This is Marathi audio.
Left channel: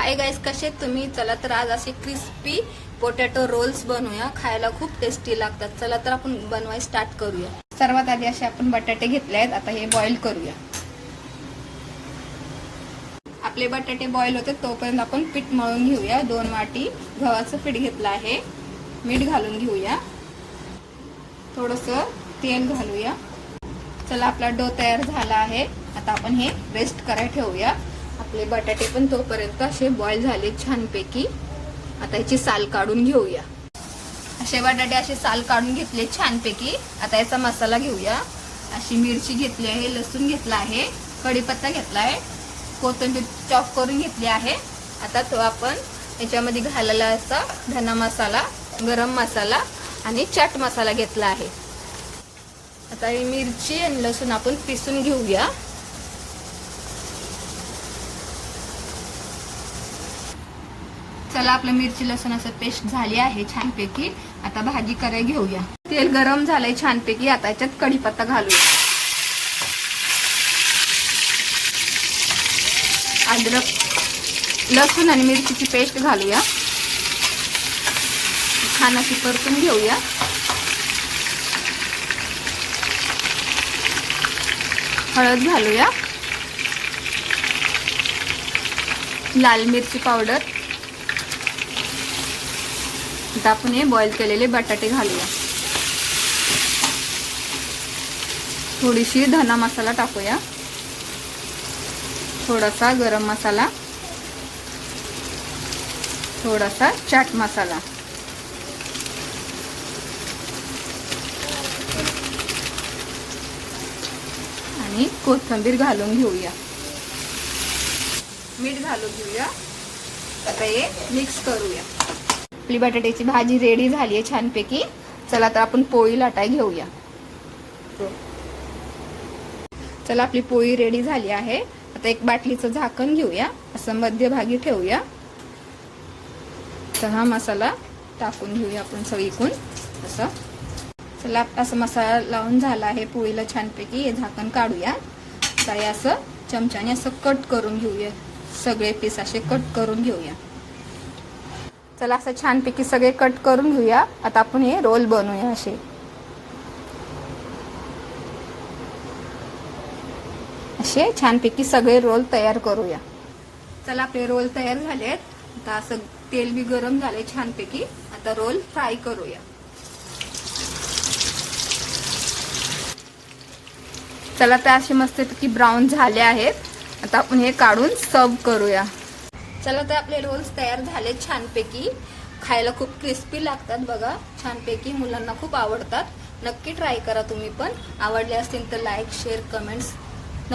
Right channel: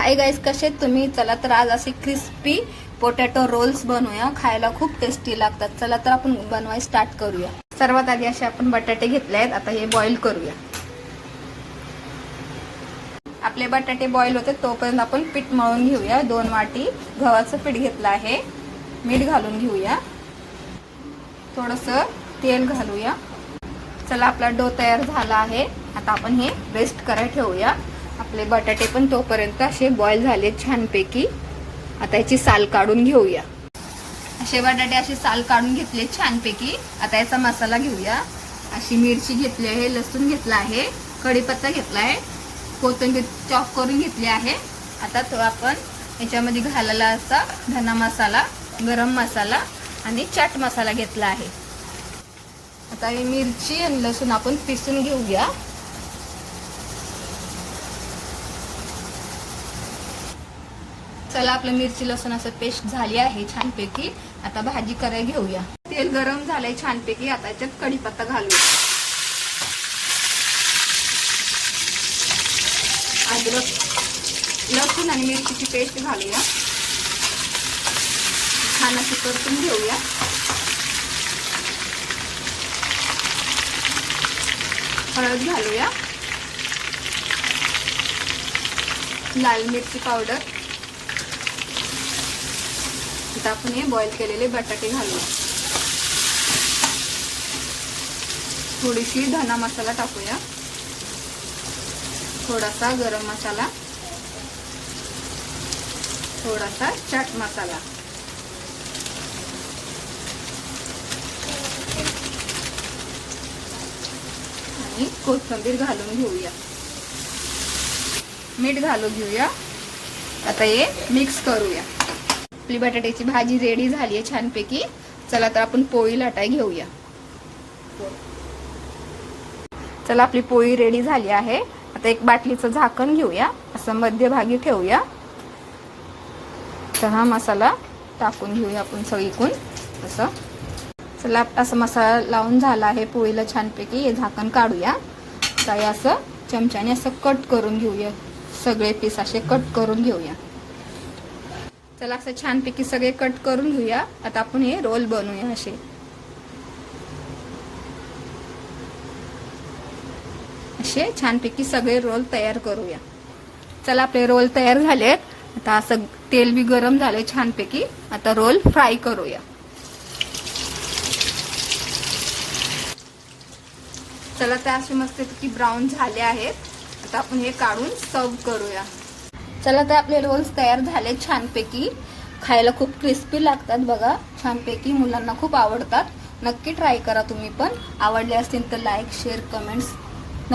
हाय गाइस, कसे आहेत तुम्ही? चला तर आज असे क्रिस्पी पोटॅटो रोल्स बनवूया. खायला खूप टेस्टी लागतात. चला तर आपण बनवायला स्टार्ट करूया. सर्वात आधी असे आपण बटाटे घेतले आहेत. आता हे बॉईल करूया. आपले बटाटे बॉईल होते तोपर्यंत आपण पीठ मळून घेऊया. 2 वाटी गव्हाचं पीठ घेतलं आहे. मीठ घालून घेऊया. थोडंसं तेल घालूया. चला आपला डो तयार झाला आहे. आता आपण हे रेस्ट करायला ठेवूया. आपले बटाटे पण तोपर्यंत असे बॉईल झाले छानपैकी. आता याची साल काढून घेऊया. असे बटाटे असे साल काढून घेतले छानपैकी. आता याचा मसाला घेऊया. अशी मिरची घेतली आहे, लसूण घेतला आहे, कढीपत्ता घेतला आहे, कोथिंबीर चॉप करून घेतली आहे. आता तो आपण याच्यामध्ये घालायला असा धना मसाला, गरम मसाला आणि चाट मसाला घेतला आहे. आता ही मिरची आणि लसूण आपण पिसून घेऊया. चला आपलं मिरची लसूण असं पेस्ट झाली आहे छानपैकी. आता भाजी करायला घेऊया. तेल गरम झालंय छानपैकी. आता याच्यात कढीपत्ता घालूया. अद्रक, लसूण आणि मिरचीची पेस्ट घालूया. छान अशी परतून घेऊया. हळद घालूया. लाल मिरची पावडर. आता आपण हे बॉईल केलेले बटाटे घालूया. थोडीशी धना मसाला टाकूया. थोडासा गरम मसाला, थोडासा चाट मसाला आणि कोथिंबीर घालून घेऊया. मीठ घालून घेऊया. आता हे मिक्स करूया. आपली बटाट्याची भाजी रेडी झाली आहे छानपैकी. चला तर आपण पोळी लाटाय घेऊया. चला आपली पोळी रेडी झाली आहे. आता एक बाटलीचं झाकण घेऊया. असं मध्यभागी ठेवूया. तर हा मसाला टाकून घेऊया आपण सगळीकडून असं. चला असं मसाला लावून झाला आहे पोळीला छानपैकी. हे झाकण काढूया. तर असं चमच्याने असं कट करून घेऊया. सगळे पीस असे कट करून घेऊया. चला असं छानपैकी सगळे कट करून घेऊया. आता आपण हे रोल बनवूया. असे छानपैकी सगळे रोल तयार करूया. चला आपले रोल तयार झालेत. आता असं तेल बी गरम झालंय छानपैकी. आता रोल फ्राय करूया. चला तर असे मस्तपैकी ब्राऊन झाले आहेत. आता आपण हे काढून सर्व करूया. चला तर आपले रोल्स तयार झाले छानपैकी. खायला खूप क्रिस्पी लागतात बघा छानपैकी. मुलांना खूप आवडतात. नक्की ट्राय करा तुम्ही पण. आवडले असतील तर लाईक, शेअर, कमेंट्स